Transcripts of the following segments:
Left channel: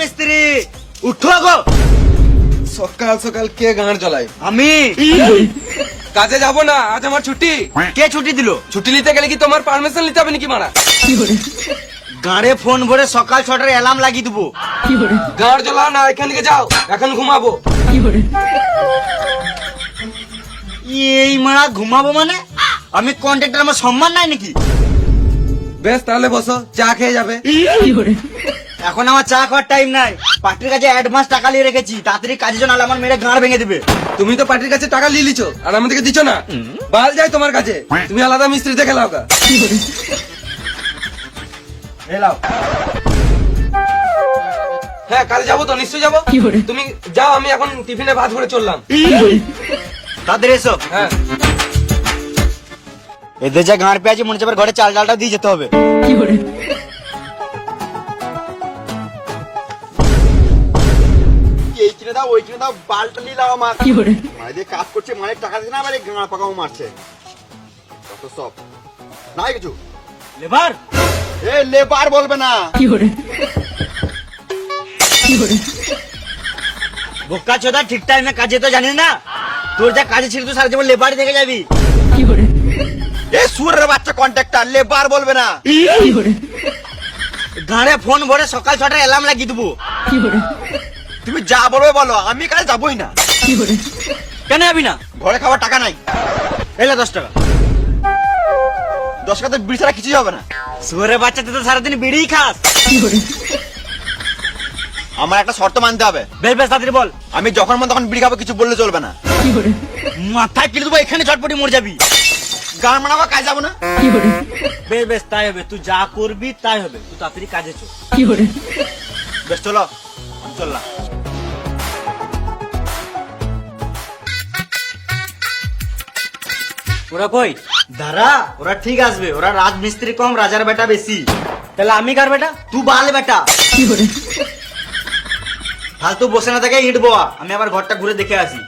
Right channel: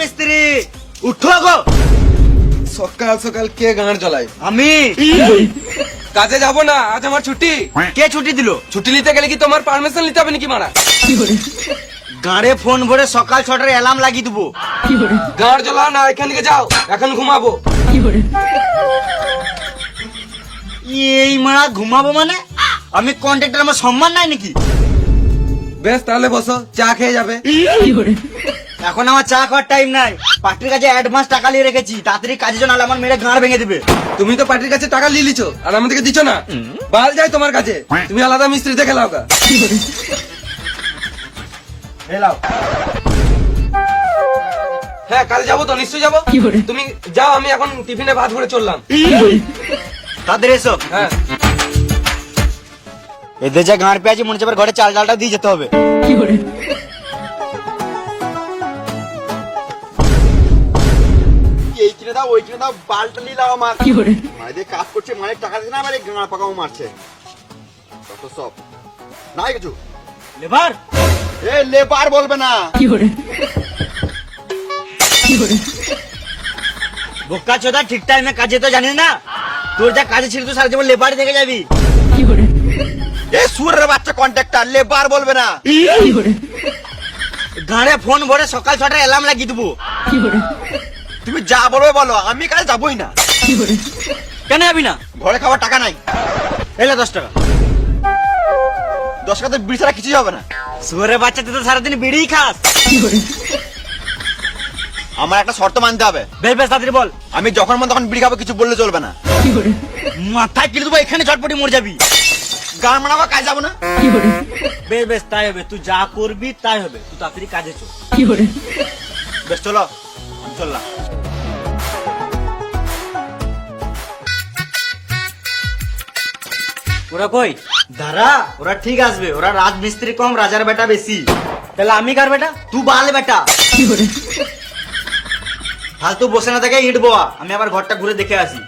মিস্ত্রি। উঠো গো। সকাল সকাল কে গান চালায়? আমি। কাজে যাবো না, আজ আমার ছুটি। কে ছুটি দিল? ছুটি নিতে গেলে কি তোমার পারমিশন নিতে হবে নাকি মারা? গাড়ে ফোন ভরে সকাল 6টার অ্যালার্ম লাগিয়ে দেবো। গান জ্বালা না, এখান থেকে যাও, এখন ঘুমাবো। এই মারা ঘুমাবো মানে? আমি কন্ট্রাক্টর, আমার সম্মান নাই নাকি? বেশ তাহলে বসো, চা খেয়ে যাবে। এখন আমার চা খাওয়ার টাইম নাই। পার্টির কাছে অ্যাডভান্স টাকা নিয়ে রেখেছি, তাড়াতাড়ি কাজে নাহলে আমার মেরে গাঁড় ভেঙে দেবে। তুমি তো পার্টির কাছে টাকা নিয়ে লিছো, আর আমি তো দিচ্ছ না। বাল যাই তোমার কাছে, তুমি আলাদা মিস্ত্রি দেখে লাও। হ্যাঁ, কাল যাবো তো, নিশ্চয়ই যাবো। তুমি যাও, আমি এখন টিফিনে ভাত করে চললাম। তাদের এসব হ্যাঁ, এদের যা গাঁড় পেয়েছি মনে হচ্ছে ঘরে চাল ডালটা দিয়ে যেতে হবে। এই কিনে দাও, ওই কিনে দাও, বালটা নিয়ে দাও আমার। মায়েদের কাজ করছে, মায়ের টাকা দিচ্ছে না, আবার গাঁড় পাকাও মারছে। কত সব ভাই কিছু লেবার, লেবার বলবে না। বোকা চোদা, ঠিক টাইমে কাজে তো জানিস না। তোর যা কাজে ছিল তুই সারা জীবন লেবারই থেকে যাবি। এই সুরের বাচ্চা কন্ট্রাক্টর, লেবার বলবে না। গাড়ে ফোন করে সকাল 6টায় অ্যালার্ম লাগিয়ে দেবো। তুমি যা বলবে বলো, আমি কাজে যাবোই না। কেন যাবি না? ঘরে খাওয়ার টাকা নাই। এলে 10 টাকা। 10 টাকা বিড়ি ছাড়া কিছুই হবে না। সুরের বাচ্চা, তুই তো সারাদিন বিড়িই খাস। আমার একটা শর্ত মানতে হবে। বল। আমি যখন মন তখন বিড়ি খাবো, কিছু বললে চলবে না। মাথায় কিনে দেবো, এখানে ঝটপটি মরে যাবি। গান মানাবো, কাজ যাবো না। বেশ তাই হবে, তুই যা করবি তাই হবে। তুই তাড়াতাড়ি কাজে চল। বেশ চলো, চললাম। ওরা কই? দাঁড়া, ওরা ঠিক আসবে। ওরা রাজমিস্ত্রি কম, রাজার বেটা বেশি। তাহলে আমি কার বেটা? তুই বাল বেটা। হ্যাঁ, তুই বসে না থাকে, ইট বোয়া। আমি আবার ঘরটা ঘুরে দেখে আসি।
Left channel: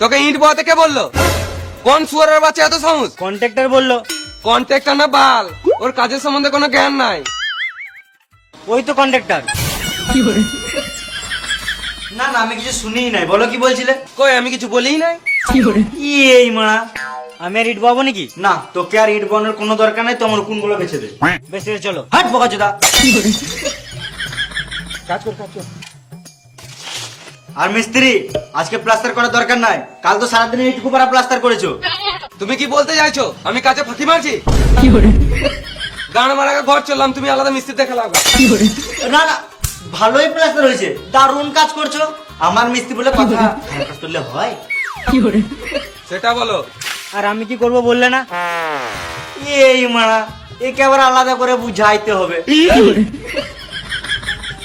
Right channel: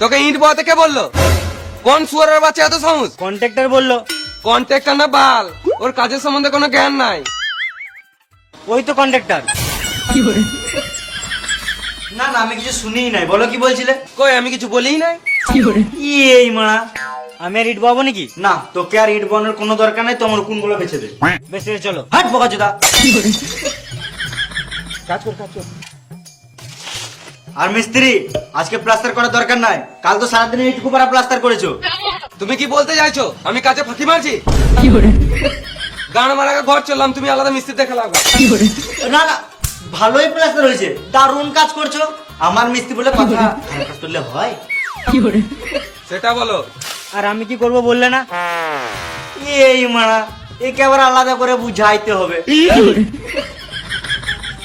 তোকে ইট বয়াতে কে বললো? কোন সুয়ারের বাচ্চা এত সহজ? কন্ট্রাক্টর বললো। কন্ট্রাক্টর না বাল, ওর কাজের সম্বন্ধে কোনো জ্ঞান নাই। ওই তো কন্ট্রাক্টর। না, আমি কিছু শুনেই নাই। বলো কি বলছিলে? কই, আমি কিছু বলিই না। এই মা, আমি ইট বাবু নাকি? না, তোকে আর ইট বানানোর কোনো দরকার নাই। তোমার কোন গুলো বেঁচে দে। বেশ, চলো। হাট বোকা চোদা। আর মিস্ত্রি, আজকে প্লাস্টার করার দরকার নাই। কাল তো সারাদিন ইট কুপারা প্লাস্টার করেছো। তুমি কি বলতে চাইছো আমি কাজে ফাঁকি মারছি? গান মারাকে ঘর চললাম, তুমি আলাদা মিস্ত্রি দেখে লাও। ভালোই প্লাস্টার হয়েছে, দারুণ কাজ করছো। আমার মিস্ত্রি বলে কথা বললে ভাই। সেটা বলো। আর আমি কি করবো বললে না? এই মা, একে আবার আলাদা করে বুঝাইতে হবে।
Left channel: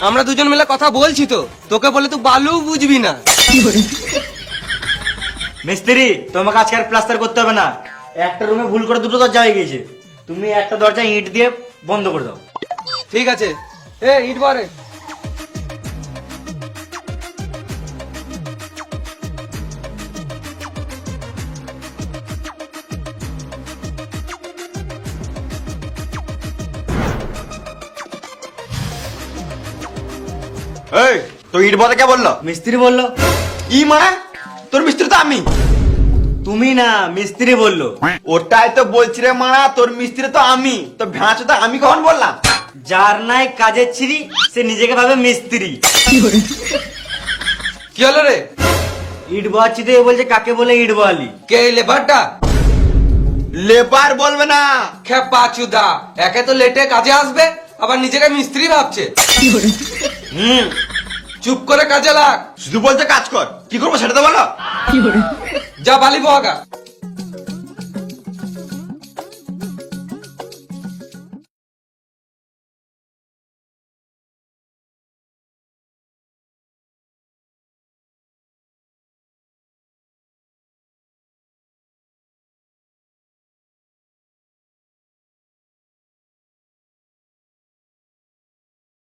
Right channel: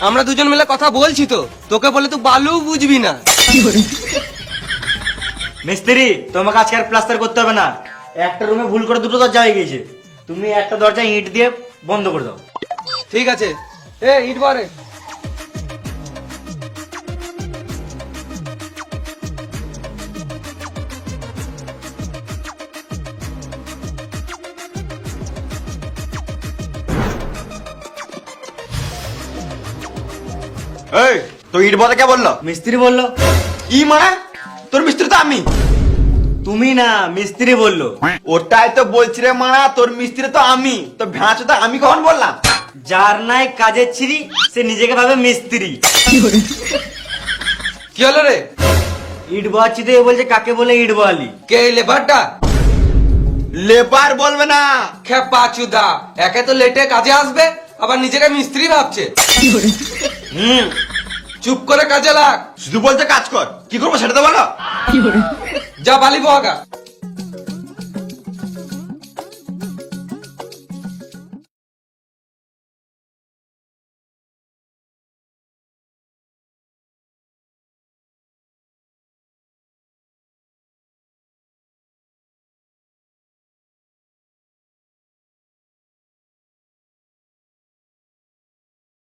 আমরা দুজন মিলে কথা বলছি তো, তোকে বলে তো বালু বুঝবি না। মিস্ত্রি, তোমাকে আজকে আর প্লাস্টার করতে হবে না। একটা রুমে ভুল করে দুটো দরজা হয়ে গেছে। তুমি একটা দরজা ইট দিয়ে বন্ধ করে দাও। ঠিক আছে। এ ইট বারে। তো ইট বলতে কে বললো? মিস্ত্রি বললো। ই মা, তোর মিস্ত্রি তো আমি। তুমি না, মিস্ত্রি বললো। ওটাই তো বলছি রে মা, তোর মিস্ত্রি তো আমি। তো ভ্যাস তো আমি কখন বললাম? যার নাই কাজের ছিরি, সে নিজেকে ভাবে মিস্ত্রি। কি হলো রে? ইট বলছি তো, বলছে কাকে বলে ইট বলি? কে লেবারটা? লেবার বলবে না। খেপা চুদা, একে তো লেটে কাজে আসবে, আবার নিজেকে মিস্ত্রি ভাবছে। চুপ করে কাজে লাগ। শুধু বলতে কাজ কর, কি করবো সেটা তো বলো। যা বালি বহাগা।